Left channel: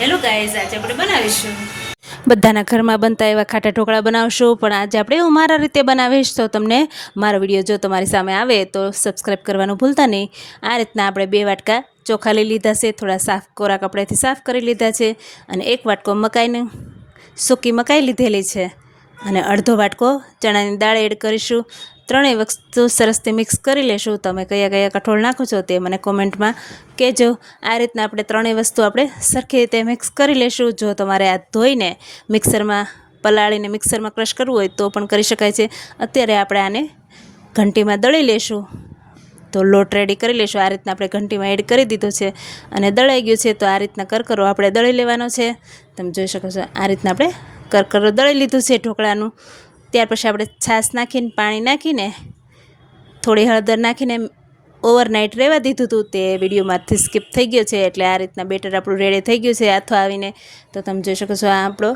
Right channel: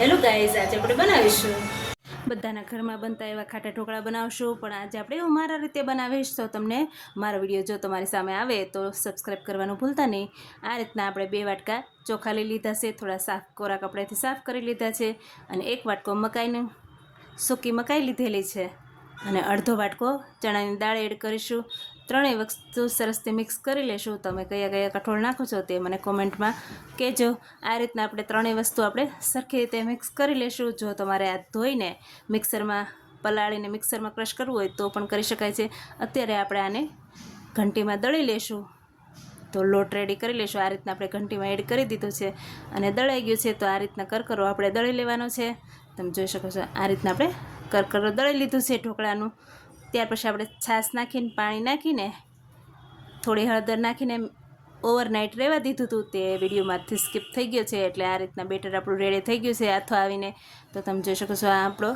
Hello guys, આજે આપણે બનાવીશું બધાના ઘરમાં બનતા એવા ખાટા ઢોકળા બનાવશું, પણ આજે આપણે હું મારા રીતે બનાવીશ. તો તમને મારો વિડીયો જો તમારી સામે આવે તો સબસ્ક્રાઈબ કરવાનું ભૂલતા નહીં. આ રીતના આપણે 2 વાટકા ચોખા લઈ લીધા છે, થોડા સાફ કોરા કપડાથી સાફ કરી લીધા છે, અને 1 વાટકો મકાઈની સૂકી મકાઈ લીધેલી છે, અને અડધો વાટકો ચણાની દાળ એડ કરીશું. ત્રણેય વસ્તુ સરસથી મિક્સ કરી લેશું. તમે કયા કયા કઠોળ નાખો છો તે મને કોમેન્ટમાં કહેજો. આ રીતના આપણે ત્રણેય વસ્તુ આપણે સરખી રીતે મિક્સ કરી લેશું. જો તમારે આ ધોઈને મિક્સરમાં પલાળીને મિક્સરમાં ક્રશ કરવું હોય તો પણ કરી શકાય છે. અત્યારે આપણે આને ઘંટીમાં દળી લેશું. તો લોટ રેડી કરી લેશું. આ રીતના આપણે ઘંટીમાં એડ કરી દીધો છે અને દળાઈ ગયું છે. તો આ રીતના કરકરો આપણે દળી લેવાનો છે. તમે જોઈ શકો છો આ રીતના આપણે કરકરો દળી લીધું છે ઢોકળાનું. ત્યાર પછી આપણે છાશ નાખીને પાણી નાખીને થોડી હળદર નાખીને ઓવરનાઇટ રહેવા દીધું હતું. તે વિડીયોમાંથી સ્કીપ થઈ ગયો છે. એટલે આ રીતના બેટર આપણું રેડી થઈ ગયું છે આથો આવીને. તો તમે જોઈ શકો છો આ આપણો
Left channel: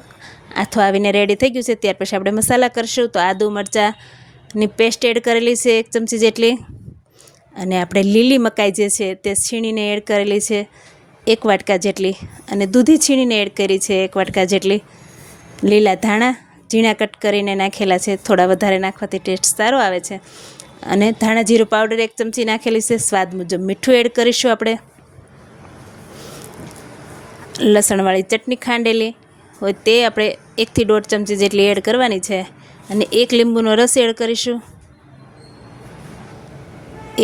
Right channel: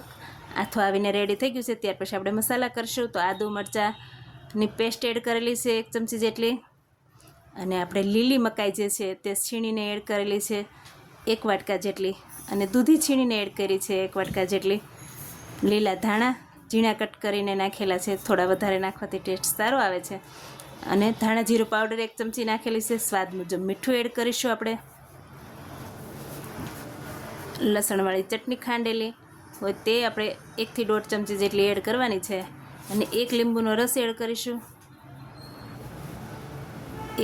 આથો આવીને રેડી થઈ ગયું છે. ત્યાર પછી આપણે મસાલા કરીશું. તો આદુ મરચાંની પેસ્ટ એડ કરેલી છે 1 ચમચી જેટલી, અને આપણે લીલી મકાઈ જે છે તે છીણીને એડ કરેલી છે 1 વાટકા જેટલી, અને દૂધી છીણીને એડ કરી છે 1 વાટકા જેટલી. લીલા ધાણા ઝીણા કટ કરીને નાખેલા છે, થોડા વધારે નાખવાથી ટેસ્ટ સારો આવે છે. અને ધાણા જીરું પાવડર 1 ચમચી નાખેલી છે. સ્વાદ મુજબ મીઠું એડ કરીશું. આપણે લસણવાળી ચટણી ખાંડેલી હોય તે આપણે 1 થી 1.5 ચમચી જેટલી એડ કરવાની છે, અને 1 લીંબુનો રસ એડ કરીશું.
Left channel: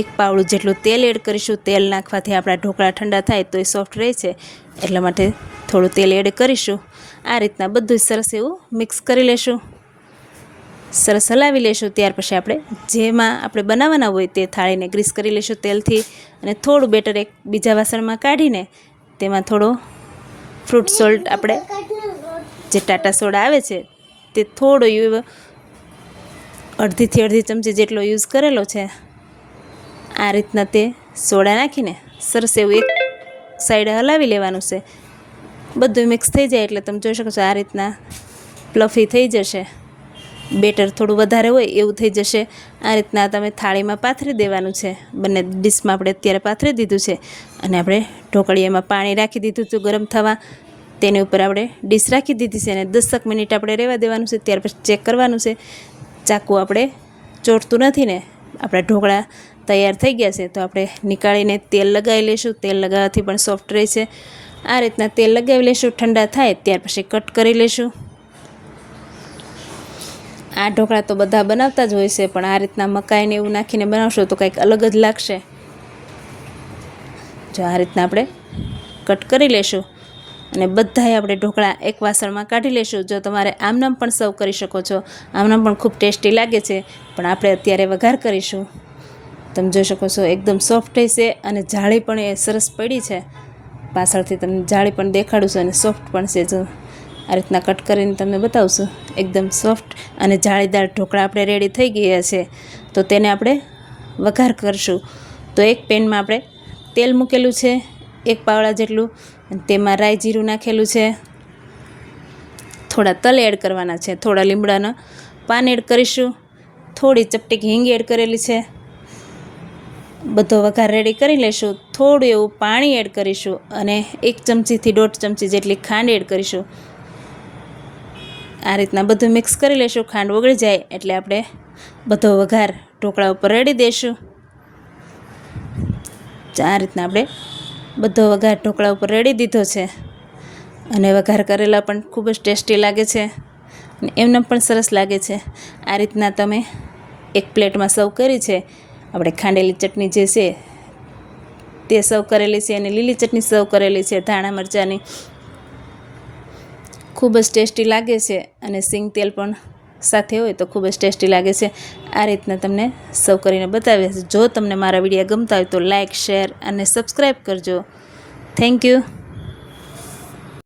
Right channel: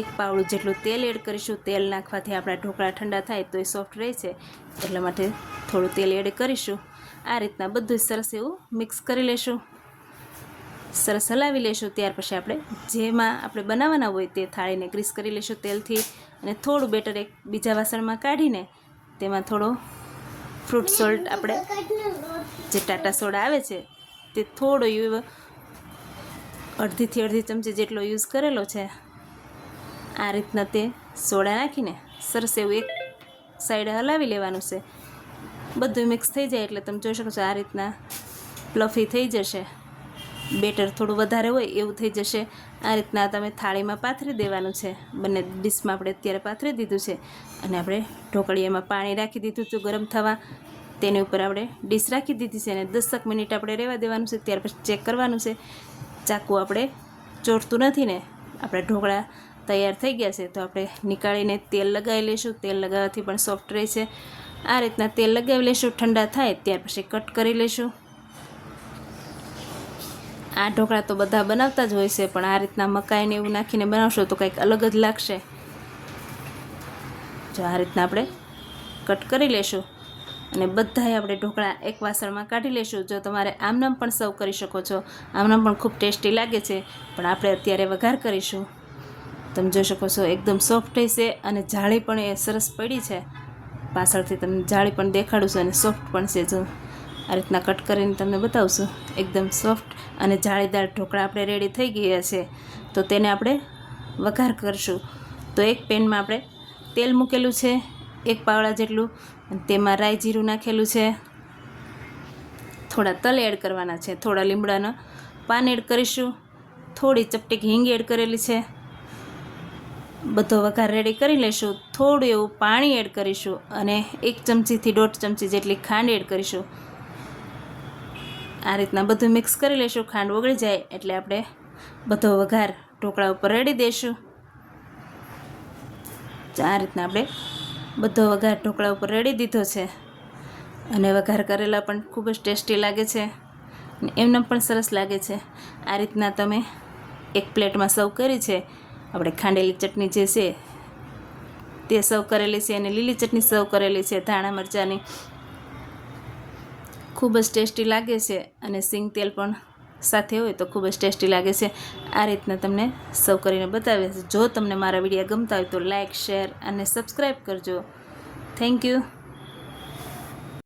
1 પાવડું જેટલું તેલ એડ કરીશું. તેલ નાખવાથી આપણા ઢોકળા ઠંડા થાય તો એ સોફ્ટ રહે છે, એટલા માટે થોડું તેલ એડ કરીશું. આ રીતના બધું સરસ એવું મિક્સ કરી લેશું, સરસ હલાવી લેશું. ત્યાર પછી આપણે જેમાં આપણે બનાવવાના હોય તે થાળીને ગ્રીસ કરી લેશું તેલથી, અને થોડું બેટર એક બીજા વાસણમાં કાઢીને તેમાં થોડો ફ્રૂટ સોલ્ટ આપણે જે ટાટા સોડા આવે છે તે થોડો અડધીથી અડધી ચમચી જેટલો યુઝ કરેલો છે. આ રીતના તે સોડા નાખીને સરસ એવું એક સાઈડ હલાવી લેવાનું છે. બધું મિક્સ થઈ જાય એટલે તમે જોઈ શકો છો આ રીતના પ્લફી થઈ જશે. બેટર થોડું વધારે હોય એવું થઈ જશે. આ રીતના તમે થાળીમાં પાથરી દેવાનું છે. બંને ડીશમાં આપણે અત્યારે પાથરી દીધું છે, અને આપણે ઢોકળીયામાં પાણી રાખી દીધું હતું ગરમ થવા. તેની ઉપર આપણે ડીશ રાખી દીધી છે, અને 10 મિનિટ આપણે રહેવા દેવાનું છે. ત્યાર પછી ચેક કરવાનું છે. ચાકુ આપણે ચોટતું નથી ને, આપણા ઢોકળા તૈયાર થઈ ગયા છે. તો આપણે નીકાળીને તેલ લગાવી લઈશું. તેલ લગાવવાથી પણ સોફ્ટ રહે છે. આ રીતના તેલ લગાવી લઈશું. ઠંડા થાય ત્યાર પછી કટ કરી લઈશું. આ ઢોકળા તો બધા બનાવતા જ હોય છે, પણ આ રીતના મકાઈને એવું નાખીને બનાવશો તો કંઈક અલગ જ લાગશે. જો આ રીતના આપણે કટ કરી લઈશું, અને બધાએ આપણે ઢોકળા એક વાસણમાં કાઢી લઈશું. જો તમારે આમનામ પણ સર્વ કરી શકો છો, આમનામ પણ ખૂબ ટેસ્ટી લાગે છે, પણ આપણે અત્યારે વઘાર કરીશું. તમે જોઈ શકો છો એકદમ સોફ્ટ છે, અને જાળી પણ એ સરસ પડી છે. પાછળથી તમને જાળી પણ દેખાડું છું, અને સોફ્ટ પણ છે. જો આ રીતના કટ કરીને તમને બતાવશું. એકદમ સોફ્ટ અને જાળીદાર ઢોકળા આપણે રેડી થઈ ગયા છે. તો તેને આપણે વઘાર કરીશું. તો એક પેનમાં આપણે તેલ મૂકેલું છે 1 પાવડા જેટલું, તેમાં રાઈ જીરું નાખેલું છે. થોડા તલ એડ કરવાના છે, થોડા લીમડાના પાન એડ કરીશું, થોડી ચપટીક હિંગ એડ કરેલી છે. બધો વઘાર રેડી કરી લઈશું. થોડું એવું પાણી એડ કરીશું, અને 1 ચમચીથી 1.5 ચમચી જેટલી ખાંડ એડ કરીશું. આ રીતના બધું મિક્સ કરી લઈશું. ખાંડ ઓગળી જાય એટલે આપણે બધો વઘાર ઢોકળા ઉપર રેડી દઈશું. આ રીતના આપણે બધો વઘાર ઢોકળા ઉપર રેડી દીધો છે, અને વઘાર કરેલા પણ ખૂબ જ ટેસ્ટી લાગે છે, અને એમને પણ સરસ લાગે છે. આ રીતના તમે એક પ્લેટમાં સર્વ કરી છે. આપણે ખાંડેલી ચટણી જે છે તે સર્વ કરેલી છે, અને લીલી ચટણી સર્વ કરેલી છે ધાણા મરચાંની. ખૂબ જ ટેસ્ટી લાગે છે, અને સિંગ તેલ પણ સાથે હોય તો ખૂબ જ ટેસ્ટી લાગે છે. આ રીતના તમને સર્વ કરીને બતાવ્યા છે. જો તમને મારા વિડીયો ગમતા હોય તો લાઇક, શેર અને સબસ્ક્રાઈબ કરજો. Thank you.